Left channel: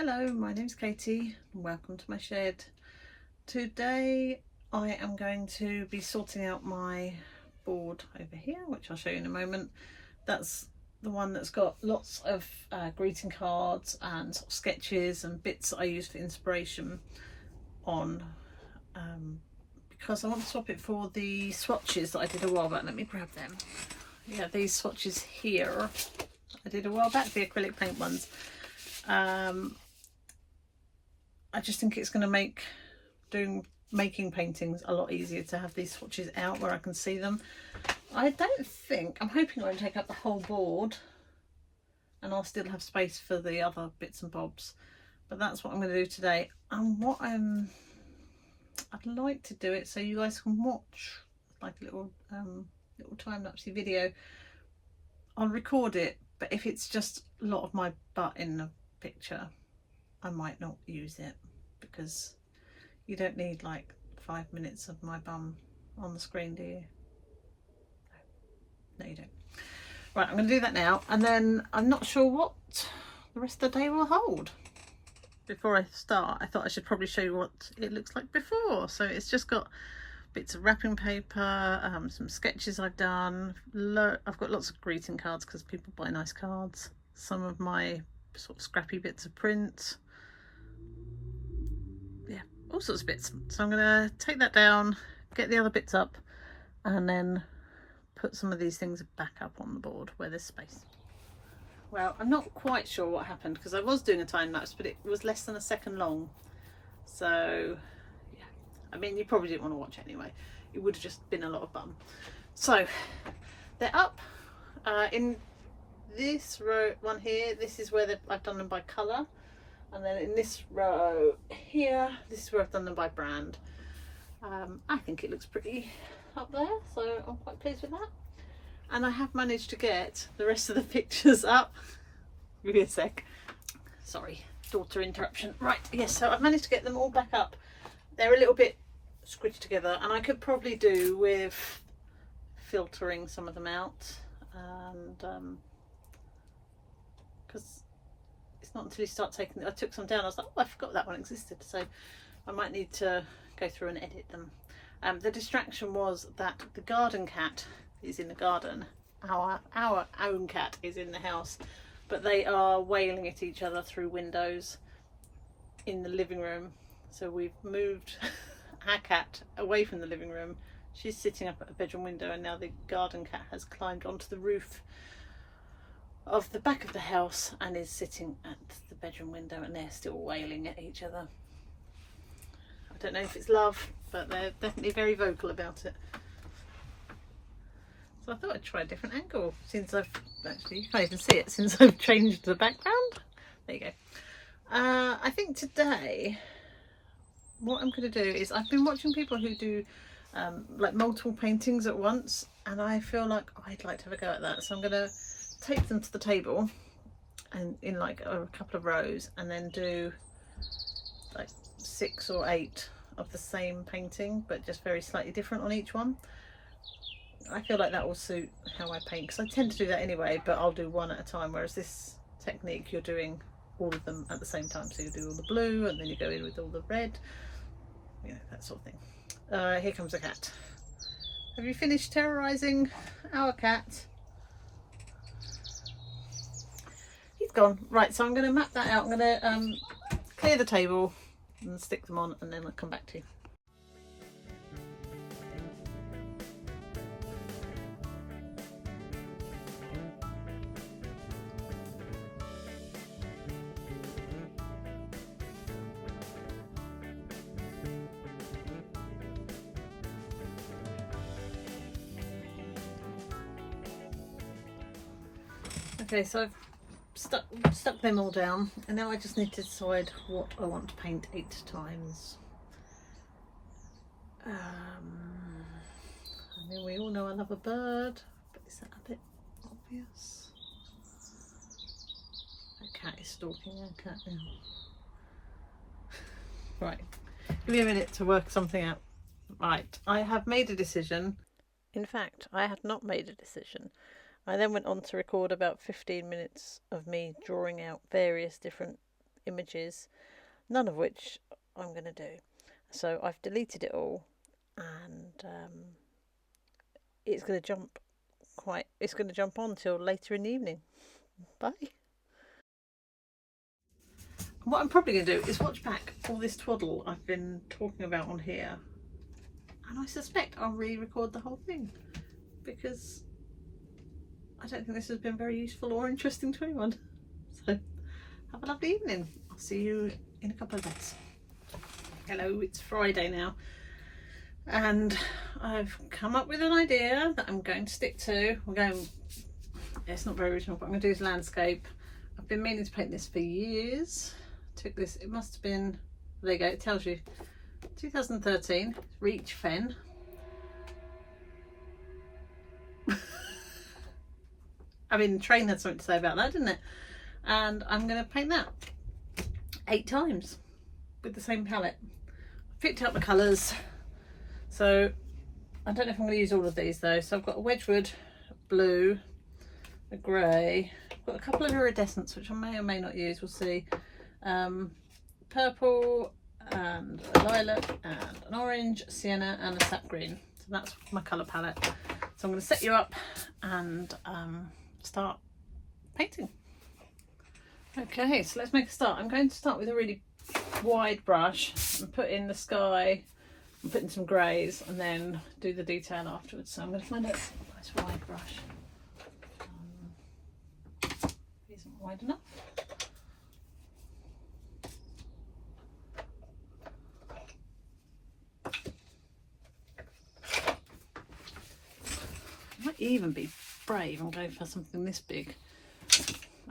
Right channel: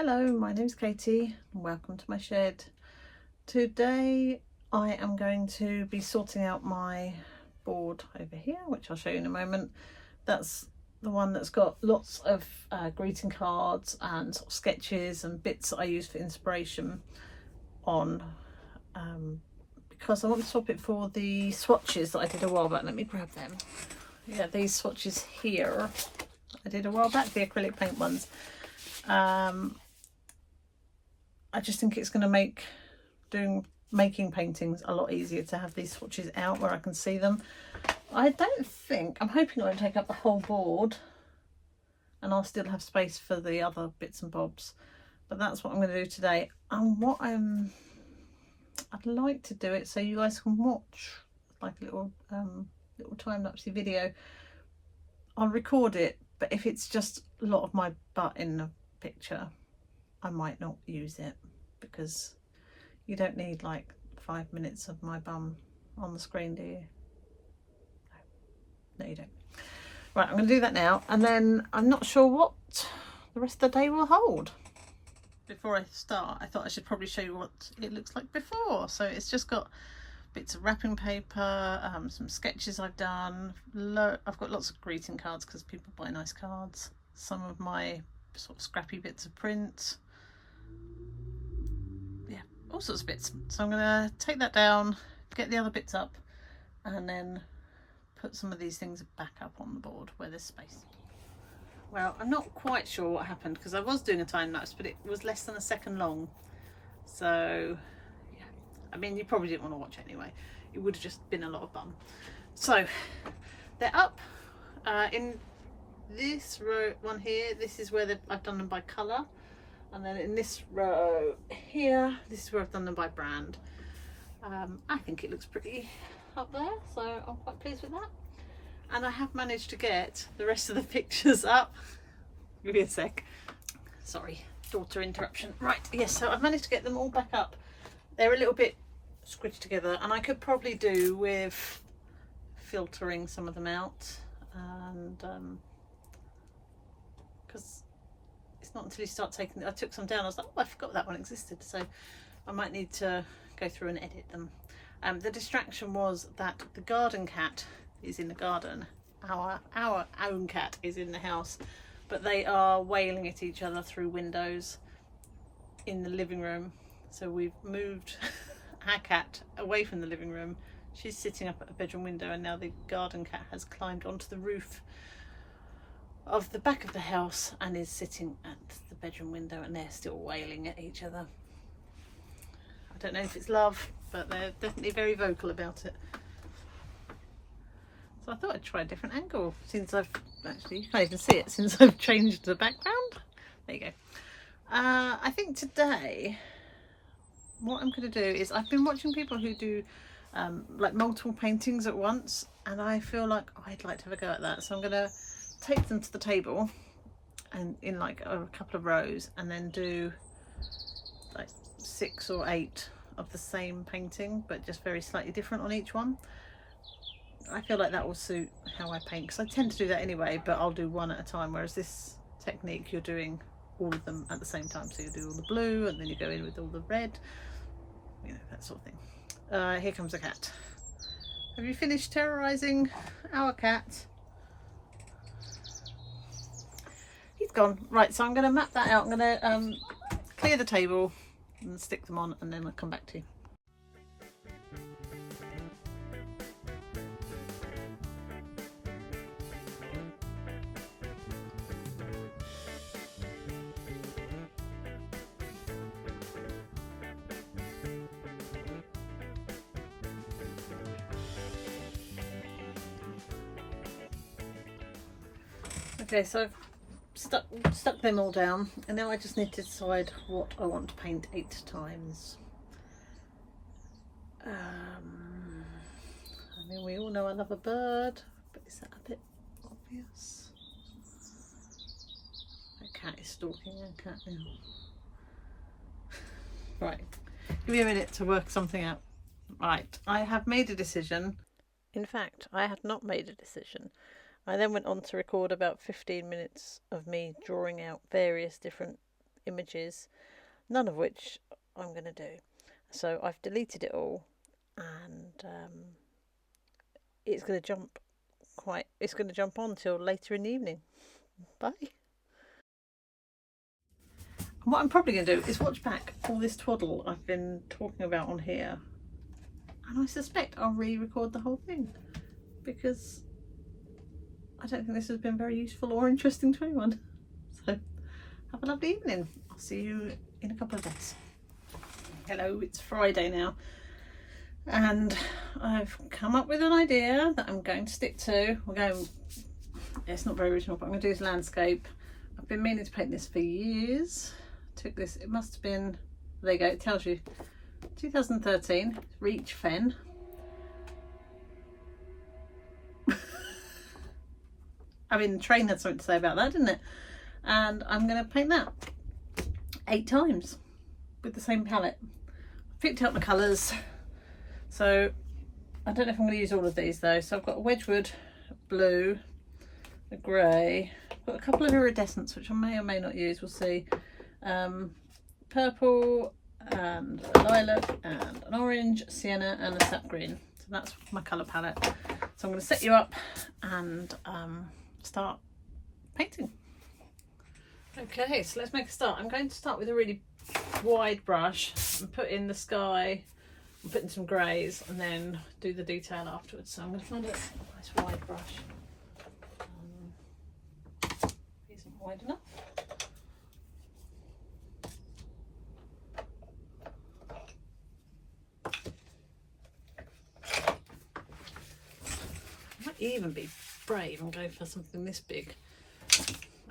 Hello, my name's Katie and welcome to my shed. Today I am going to be sorting out my board over here, which I'll show you in a moment. That's the one that's got lots of greeting cards and sort of sketches and bits that I use for inspiration on, because I want to swap it for the swatches that I did a while back. Let me grab them. Yeah, these swatches here I did a while back, the acrylic paint ones. I just think it's going to make making paintings a lot easier to have these swatches out where I can see them. I'm hoping I'll take up the whole board and I'll still have space for the other bits and bobs, but that's what I'm going to do today. And what I'd like to do it so you guys can watch like a little time-lapse video. I'll record it, but if it's just a lot of my butt in the picture, I might not use it, because you don't need like 5 minutes of my bum on the screen, do you? No, you don't. Right, I'm going to do that now, and then I'm not sure what the rest of the day will hold. Before I start, I thought I should probably show you what it looks like before. So it's just got bits of wrapping paper, some sketches I've done. I've got lots of greeting cards because people buy nice cards. Some of my sort of scrappy bits of print. Yeah, all sorts of bits. So I'm going to take that down, get the other bits up, and then put some of these things back up on the board where there's space. Well, I'm not quite sure what happened because I was doing a time lapse, but it was less than a second long. So yeah, I mean, you probably didn't want to watch it anyway. It would have just been a lot of fun. So they're up in this row one here. This is where I've done them by colour, and then in this row here, this is where I've done them by brand. I think it looks pretty up there, so I'm quite pleased with that. And I have managed to get the rest of the pictures up. Give me a sec. Sorry, daughter interruption. Right, yes, so I've managed to get them all back up. They're a little bit squished together, and I could probably do with filtering some of them out, and because it's not until you start taking, I took some down, I was like, oh, I forgot that one existed, so I might need to go through and edit them. The distraction was that the garden cat is in the garden, our own cat is in the house, but they are wailing at each other through windows in the living room. So we've moved our cat away from the living room. She's sitting up at a bedroom window, and now the garden cat has climbed onto the roof of the back of the house and is sitting at the bedroom window, and they're still wailing at each other. I don't know if it's love, but they're definitely very vocal about it. So I thought I'd try a different angle, since you can't even see it, since I've changed the background. There you go. I think today what I'm going to do is, I've been watching people who do like multiple paintings at once, and I feel like I'd like to have a go at that. So I'm going to take them to the table and in like a couple of rows, and then do like 6 or 8 of the same painting, but just very slightly different on each one. I feel like that will suit how I paint, because I tend to do that anyway, but I'll do one at a time, whereas this technique you're doing all of them at the same time. So you do all the blue and then you go in with all the red, you know, that sort of thing. Here comes the cat. Have you finished terrorizing our cat? He's gone. Right, so I'm going to map that out. I'm going to clear the table and stick them on, and then I'll come back to you. Okay, so I've stuck them all down, and now I just need to decide what I want to paint 8 times. I mean, we all know I love a bird, but is that a bit obvious? That cat is stalking our cat now. Right, give me a minute to work something out. Right, I have made a decision. In fact, I had not made a decision. I then went on to record about 15 minutes of me drawing out various different images, none of which I'm going to do. So I've deleted it all, and it's going to jump on till later in the evening. Bye. What I'm probably going to do is watch back all this twaddle I've been talking about on here, and I suspect I'll re-record the whole thing, because I don't think this has been very useful or interesting to anyone. So have a lovely evening. I'll see you in a couple of days. Hello, it's Friday now, and I've come up with an idea that I'm going to stick to. It's not very original, but I'm going to do this landscape. I've been meaning to paint this for years. Took this, it must have been, there you go, it tells you, 2013, Reach Fen. I mean, the train had something to say about that, didn't it? And I'm going to paint that 8 times with the same palette. Picked out the colours, so I don't know if I'm going to use all of these though. So I've got a Wedgwood blue, a grey, I've got a couple of iridescents which I may or may not use, we'll see. Purple and a lilac and an orange, sienna and a sap green. So that's my colour palette. So I'm going to set you up and start painting. Okay, so let's make a start. I'm going to start with a really wide brush and put in the sky and put in some greys and then do the detail afterwards. So I'm going to find a nice wide brush. Isn't wide enough. Even be brave and go for something this big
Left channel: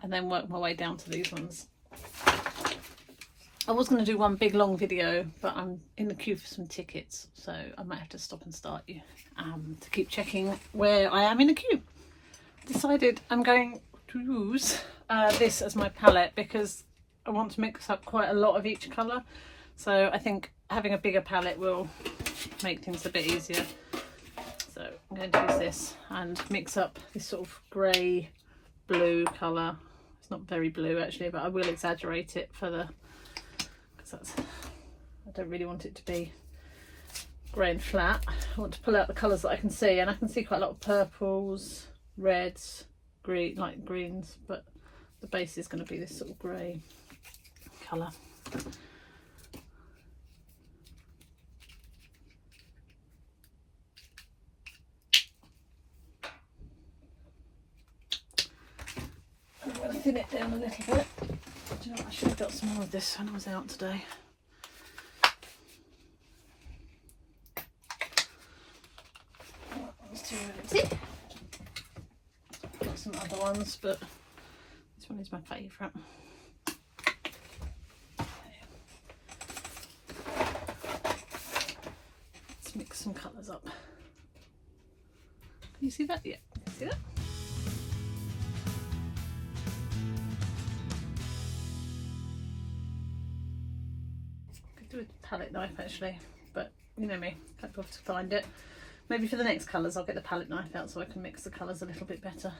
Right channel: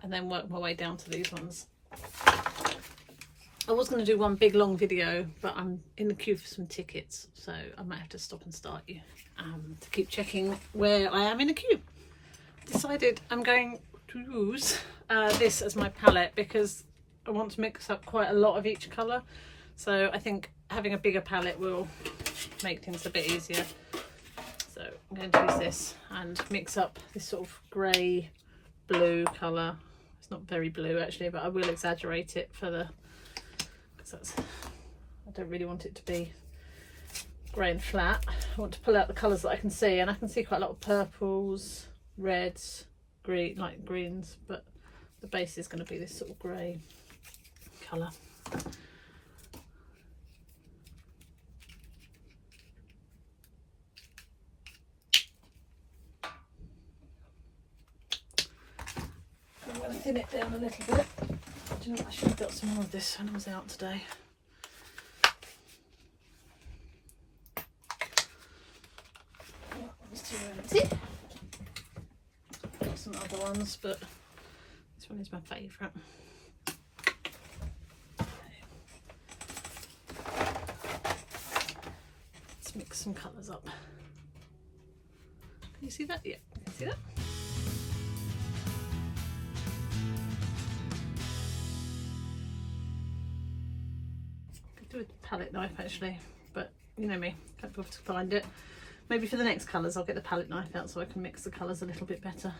and then work my way down to these ones. I was going to do one big long video, but I'm in the queue for some tickets, so I might have to stop and start you to keep checking where I am in the queue. Decided I'm going to use this as my palette because I want to mix up quite a lot of each colour, so I think having a bigger palette will make things a bit easier. So I'm going to use this and mix up this sort of grey blue colour. It's not very blue actually, but I will exaggerate it for the, because I don't really want it to be grey and flat. I want to pull out the colours that I can see, and I can see quite a lot of purples, reds, green, light greens, but the base is going to be this sort of grey colour. Thin it down a little bit. Do you know what? I should have got some more of this when I was out today. That's too empty. Some other ones, but this one is my favourite. Let's mix some colours up. Can you see that? Yeah, you can see that. With a palette knife actually, but you know me, can't be able to find it. Maybe for the next colours I'll get the palette knife out so I can mix the colours a little bit better.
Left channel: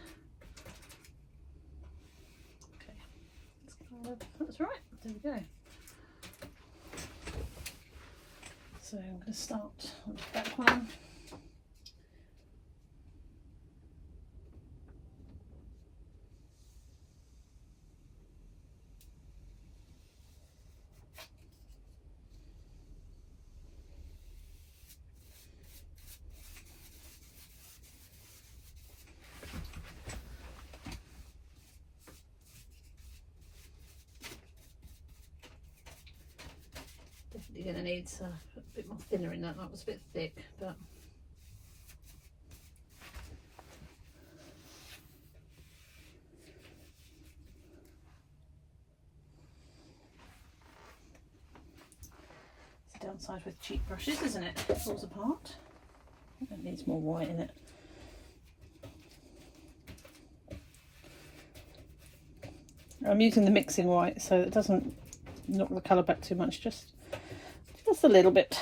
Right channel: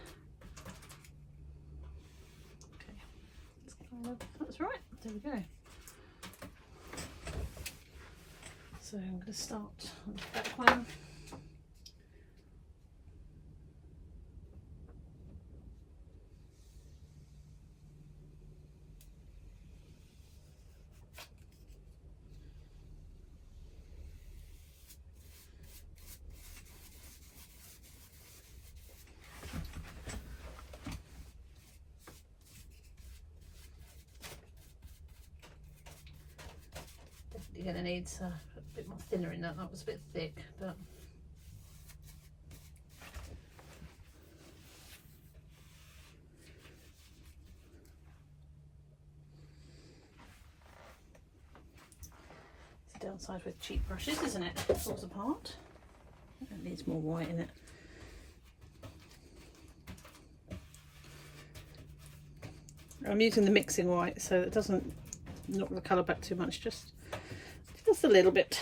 Okay, that's right, there we go. So I'm going to start on the back one. You're going to need to put a bit more thinner in that. That was a bit thick, but it's the downside with cheap brushes, isn't it? It falls apart. It needs more white in it. I'm using the mixing white so it doesn't knock the colour back too much, just a little bit.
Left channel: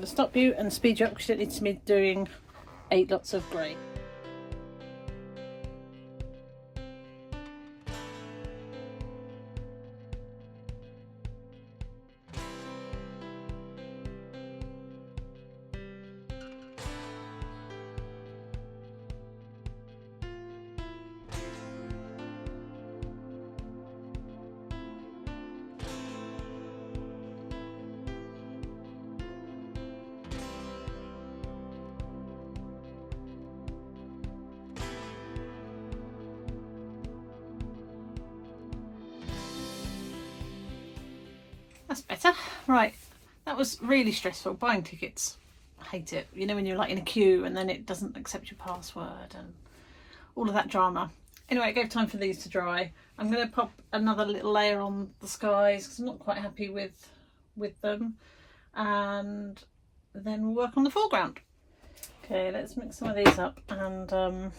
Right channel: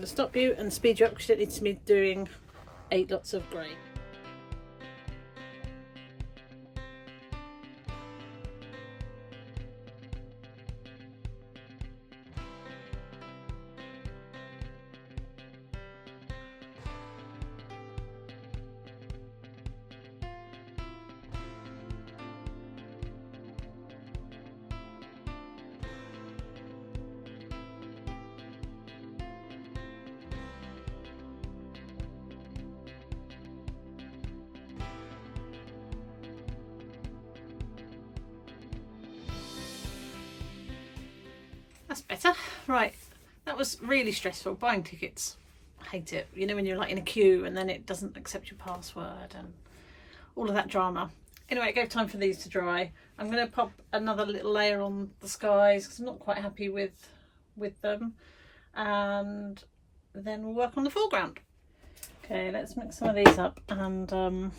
going to stop you and speed you up because you don't need to be doing 8 lots of grey. That's better. Right, that was really stressful, buying tickets. I hate it. You know, when you're like in a queue and then it doesn't accept your password and all of that drama. Anyway, it gave time for these to dry. I'm going to pop another little layer on the skies because I'm not quite happy with them, and then we'll work on the foreground. Okay, let's mix some of these up and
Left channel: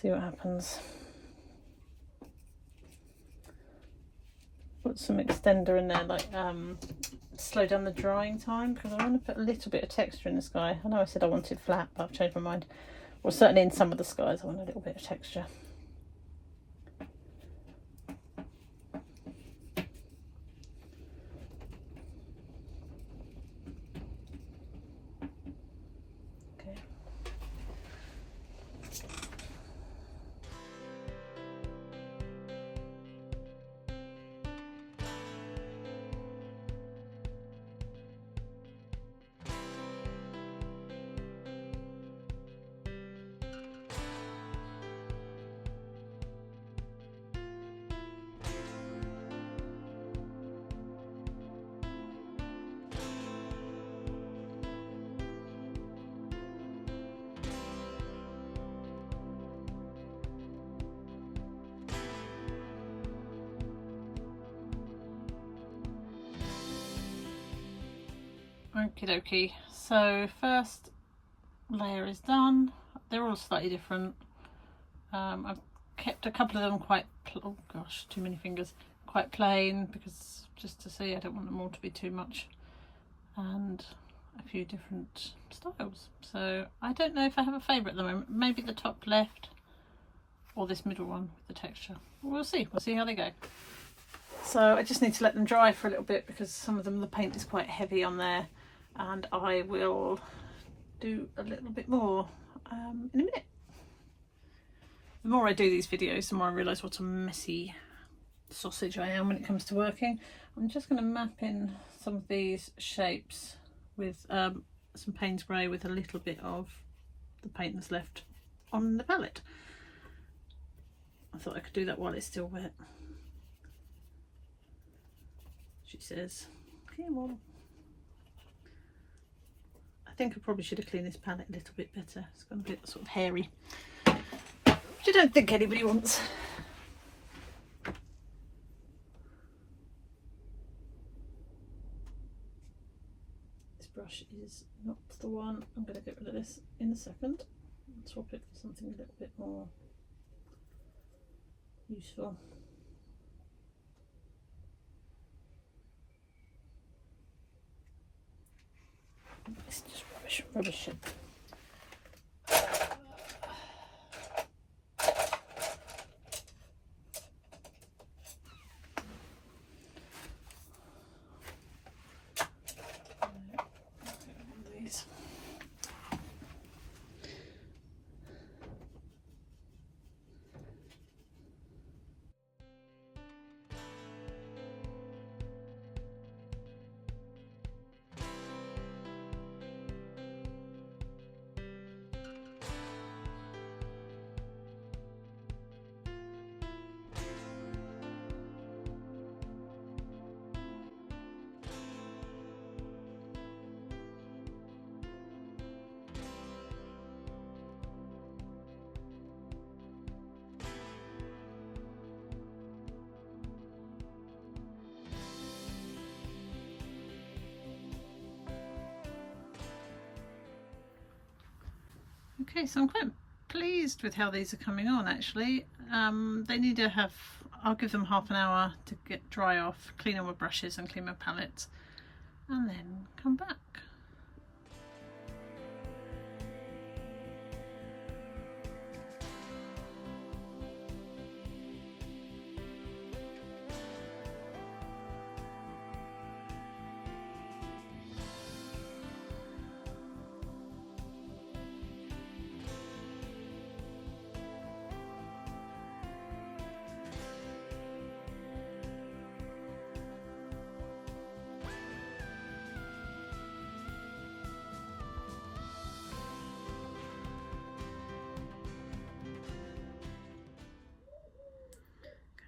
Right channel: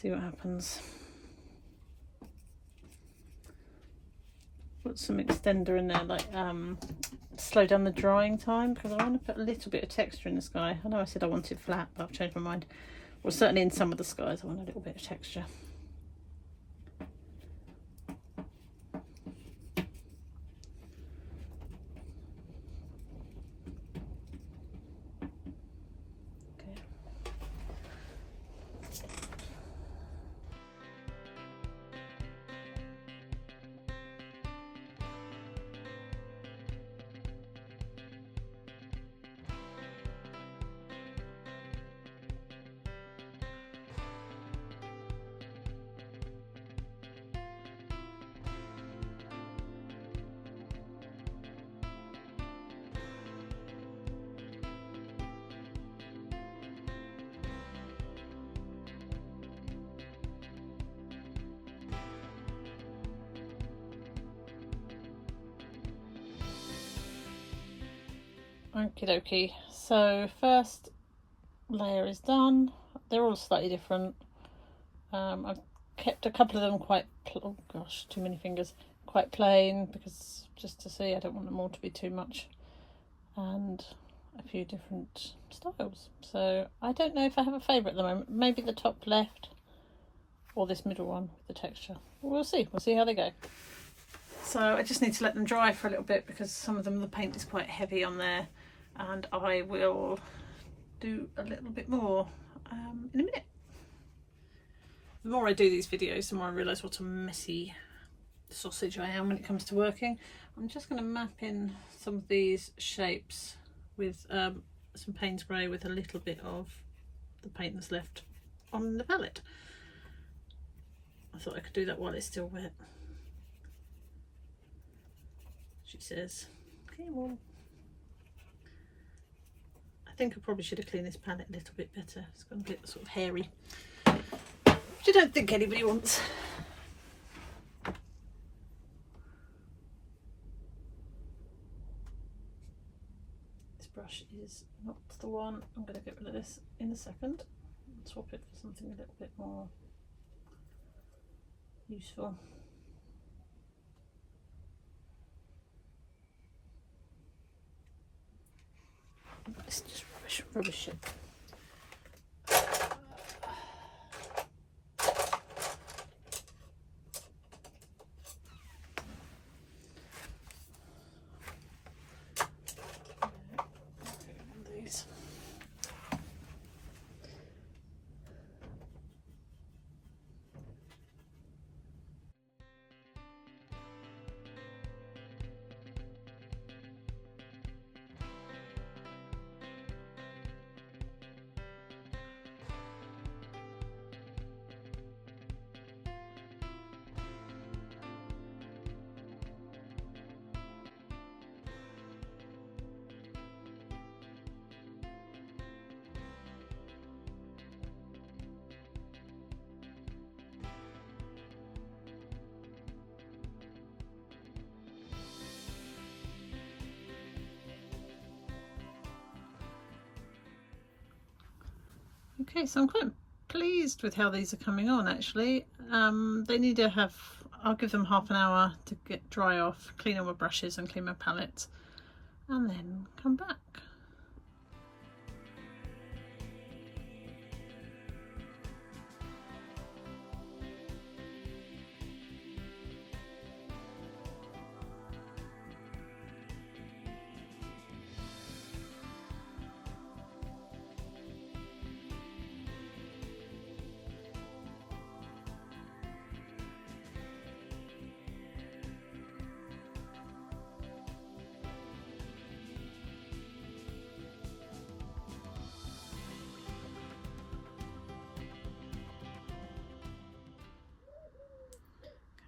see what happens. Put some extender in there, like slow down the drying time, because I want to put a little bit of texture in the sky. I know I said I wanted flat, but I've changed my mind. Well, certainly in some of the skies I want a little bit of texture. Okie dokie, so first layer is done. They're all slightly different. I've kept a couple of them quite, oh gosh, too many fingers, quite plain, because just to see, I don't want them all to be too much, and a few different styles. So I don't know if I have a favourite at the moment. Maybe the top left or this middle one with the texture. We'll see how they go. So I just need to let them dry for a little bit because some of them, the paint is quite heavy on there, and I will do a little bit more in a minute. The more I do these videos, the more I realise what a messy sausage I am when it comes to working. I'm just going to map in some of these shapes with some Payne's Grey with a little bit of the paint that's left on the palette. I thought I could do that while it's still wet. She says, come on. I think I probably should have cleaned this palette a little bit better. It's gone a bit sort of hairy, which I don't think anybody wants. This brush is not the one. I'm going to get rid of this in a second and swap it for something a little bit more useful. It's just rubbish. These. Okay, so I'm quite pleased with how these are coming on actually. They need to have, I'll give them half an hour to get dry off, clean all my brushes and clean my palette, and then come back.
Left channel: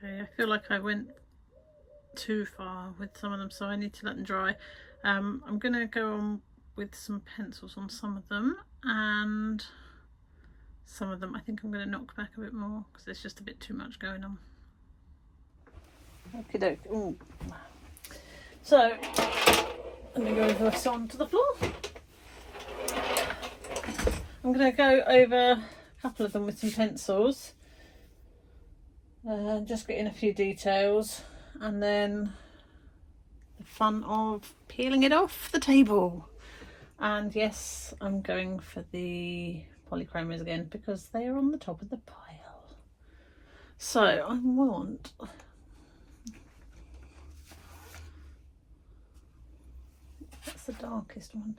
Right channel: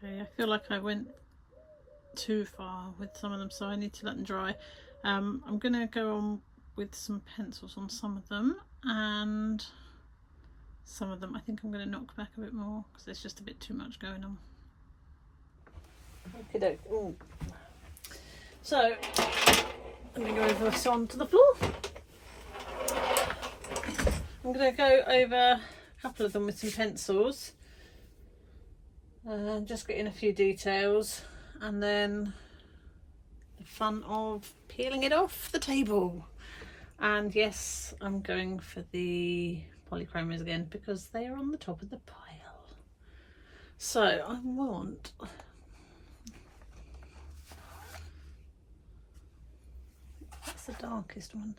Okay, I feel like I went too far with some of them, so I need to let them dry. I'm going to go on with some pencils on some of them, and some of them I think I'm going to knock back a bit more because there's just a bit too much going on. Okay, so let me go over this onto the floor. I'm going to go over a couple of them with some pencils, just getting a few details, and then the fun of peeling it off the table. And yes, I'm going for the polychromos again because they are on the top of the pile. So I want that's the darkest one.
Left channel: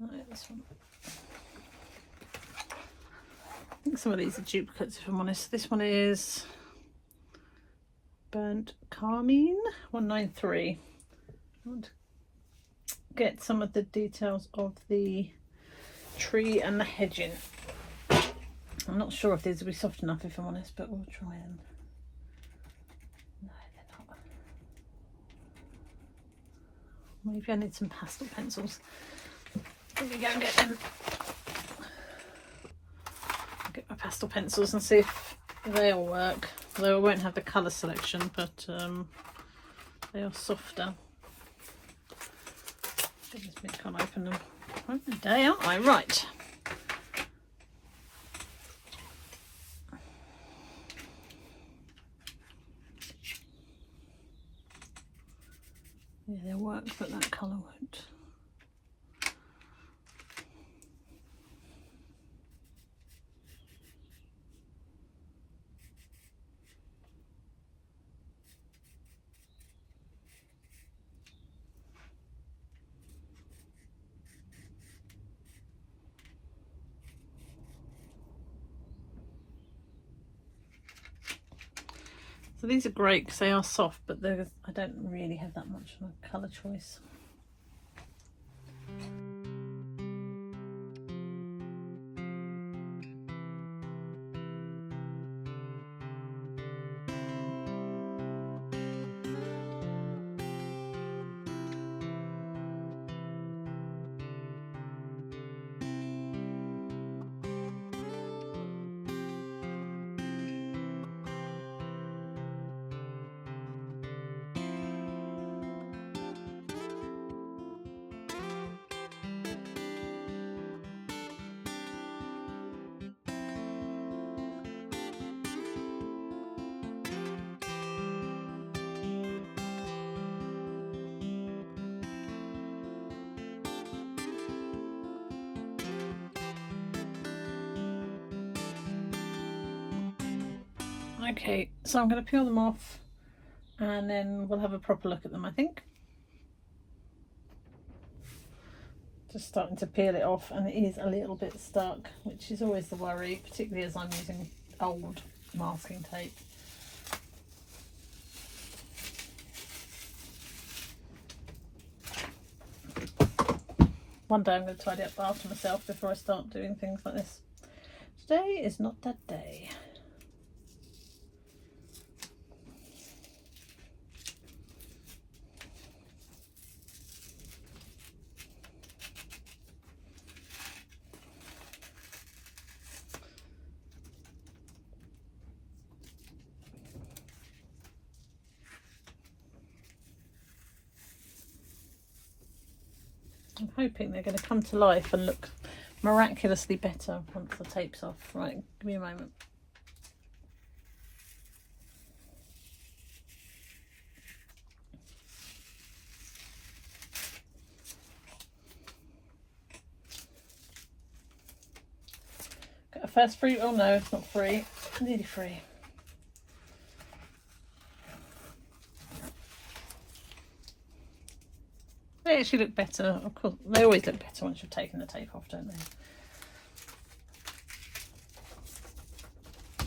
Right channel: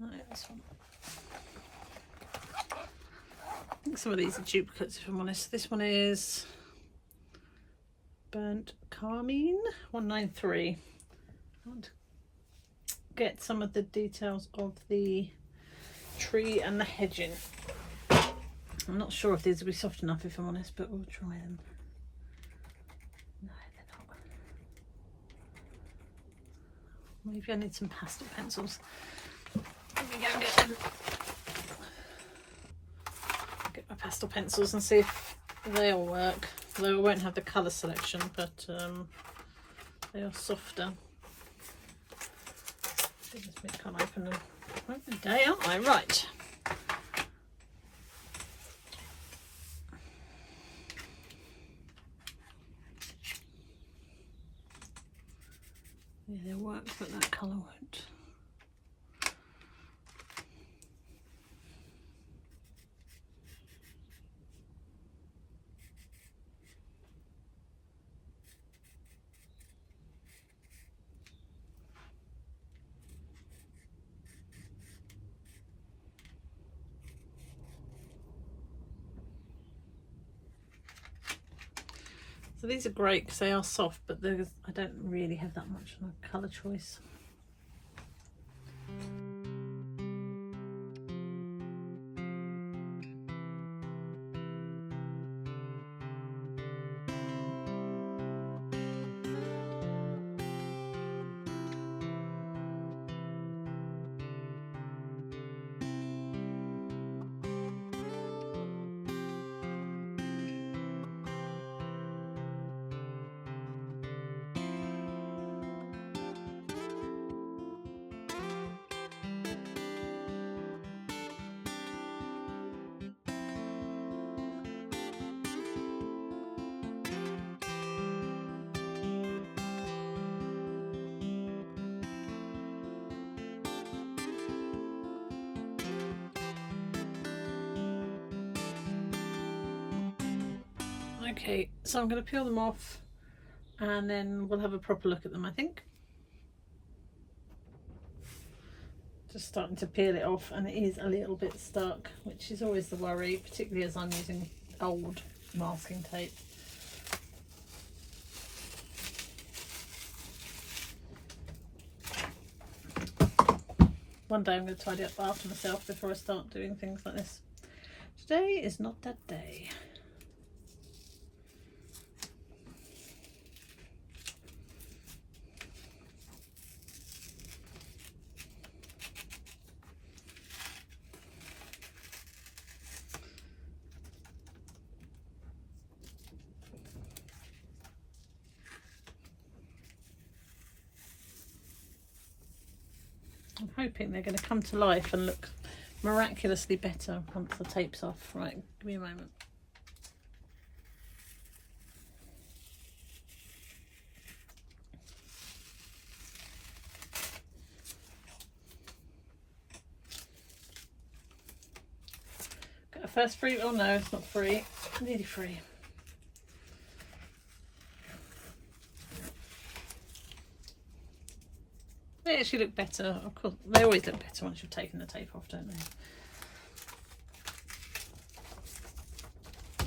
No, this one. I think some of these are duplicates if I'm honest. This one is Burnt Carmine 193. I want to get some of the details of the tree and the hedging. I'm not sure if these will be soft enough if I'm honest, but we'll try them. No, they're not. Maybe I need some pastel pencils. Let me go and get them. Get my pastel pencils and see if they'll work. Though I won't have the colour selection, but they are softer. I can't open them. Day, aren't I? Right. Yeah, they'll work, but that colour won't. So these are great because they are soft, but I don't really have that much of a colour choice. Okay, so I'm going to peel them off and then we'll have a proper look at them, I think. Just starting to peel it off, and it is a little bit stuck, which is always the worry, particularly as I'm using old masking tape. One day I'm going to tidy up after myself before I start doing things like this. Today is not that day. I'm hoping they're going to come to life and look miraculously better once the tape's off. Right, give me a moment. first free. Oh no, it's not free. Nearly free. They actually look better. Of course, they always look better once you've taken the tape off, don't they?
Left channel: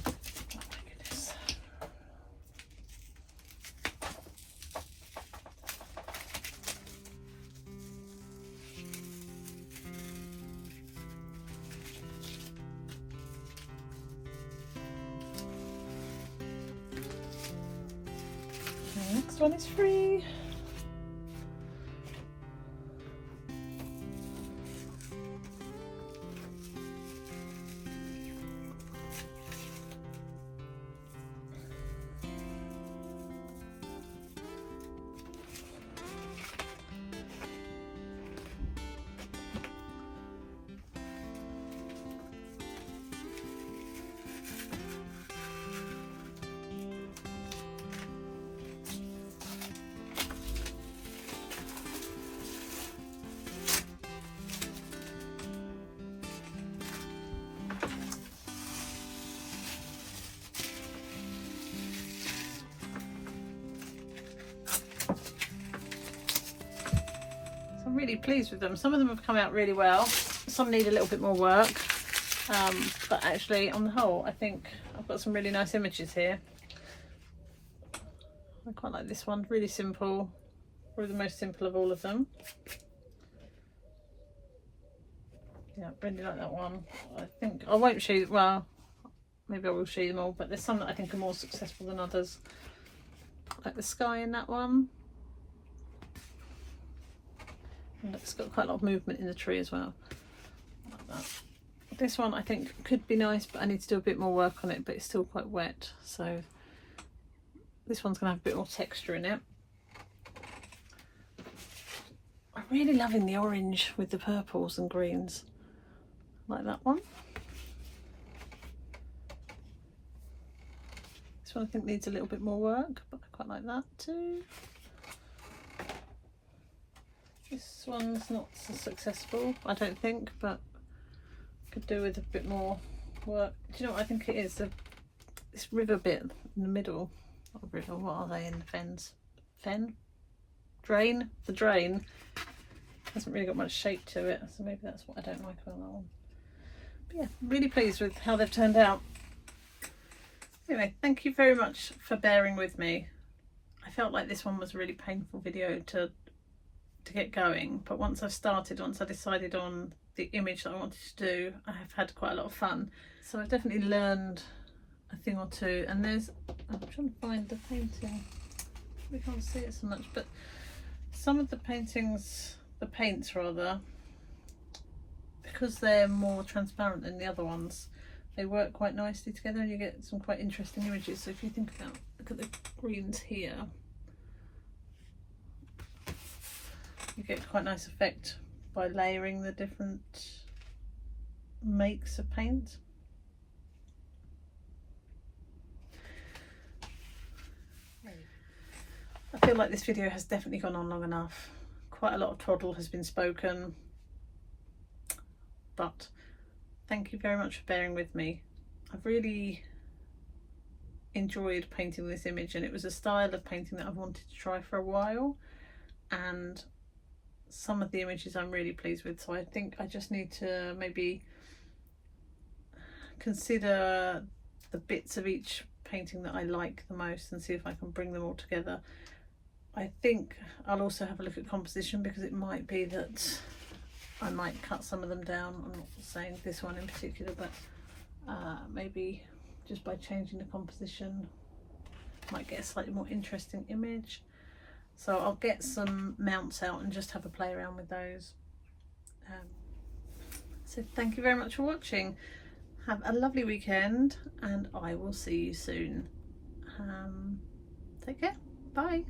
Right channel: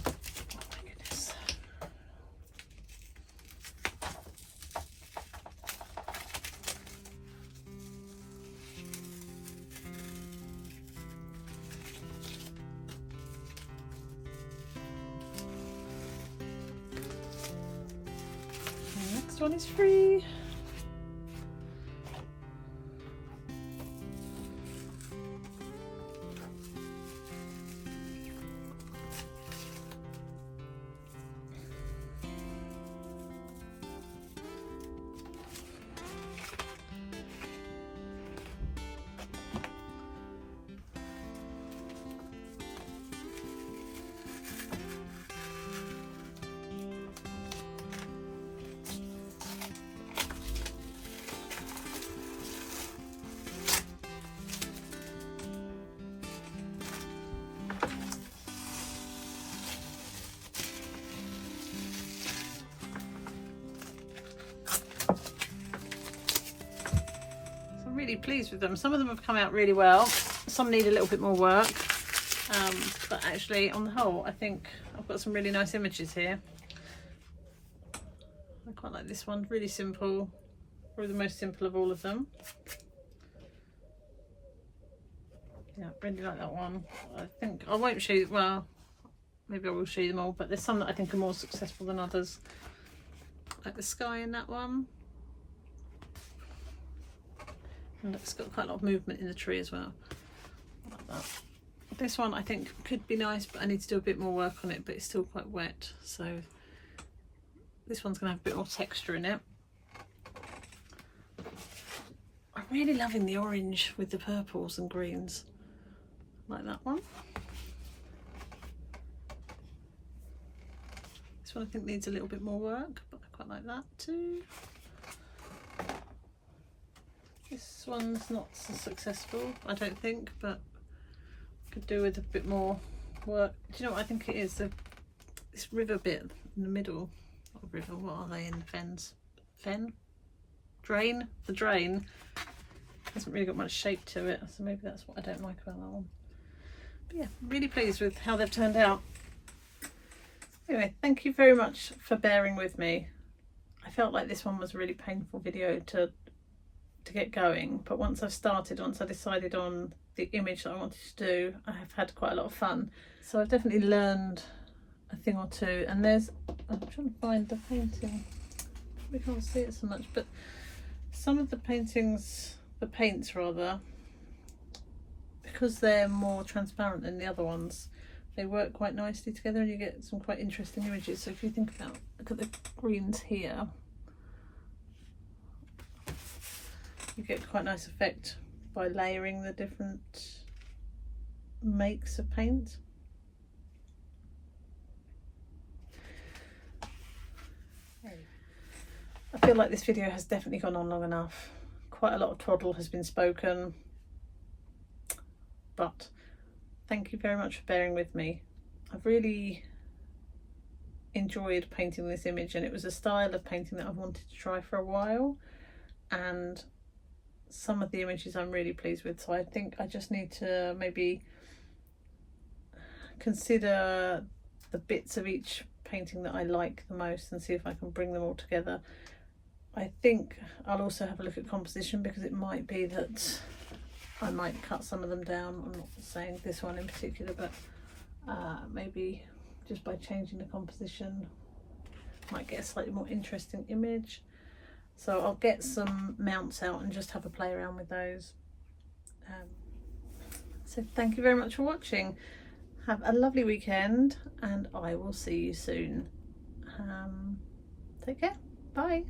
Oh my goodness. The next one is free. Really pleased with them. Some of them have come out really well, some need a little bit more work, but actually on the whole I think I've got some really nice images here. I quite like this one, really simple, probably the most simple of all of them. Yeah, really like that one. I think I won't show, well maybe I will show them all, but there's some that I think are more successful than others, like the sky in that one. And it's got quite a lot of movement in the tree as well, like that. This one I think could be nice, but I need to do a bit more work on it, but it's still quite wet, so this one's going to have a bit more texture in it. I'm really loving the orange with the purples and greens, like that one. This one I think needs a little bit more work, but I quite like that too. This one's not so successful, I don't think, but could do with a bit more work. Do you know what I think it is? This river bit in the middle. Not river, what are they in fens? Fen? Drain? The drain hasn't really got much shape to it, so maybe that's what I don't like about that one. But yeah, really pleased with how they've turned out. Anyway, thank you very much for bearing with me. I felt like this one was a really painful video to get going, but once I decided on the image that I wanted to do, I have had quite a lot of fun. So I've definitely learned a thing or two, and there's, I'm trying to find the painting, we can't see it so much, but some of the paintings, the paints rather, because they're more transparent than the other ones, they work quite nicely together and you get some quite interesting images. So if you think about, look at the greens here, you get quite a nice effect by layering the different makes of paint. I feel like this video has definitely gone on long enough. Quite a lot of twaddle has been spoken, but thank you very much for bearing with me. I've really enjoyed painting this image, and it was a style of painting that I've wanted to try for a while, and some of the images I'm really pleased with, so I think I just need to maybe consider the bits of each painting that I like the most and see if I can bring them all together. I think I'll also have a look at composition, because it might be that I might cut some of them down. I'm not saying this one in particular, but maybe just by changing the composition might get a slightly more interesting image. So I'll get some mounts out and just have a play around with those. So thank you very much for watching. Have a lovely weekend, and I will see you soon. Take care. Bye.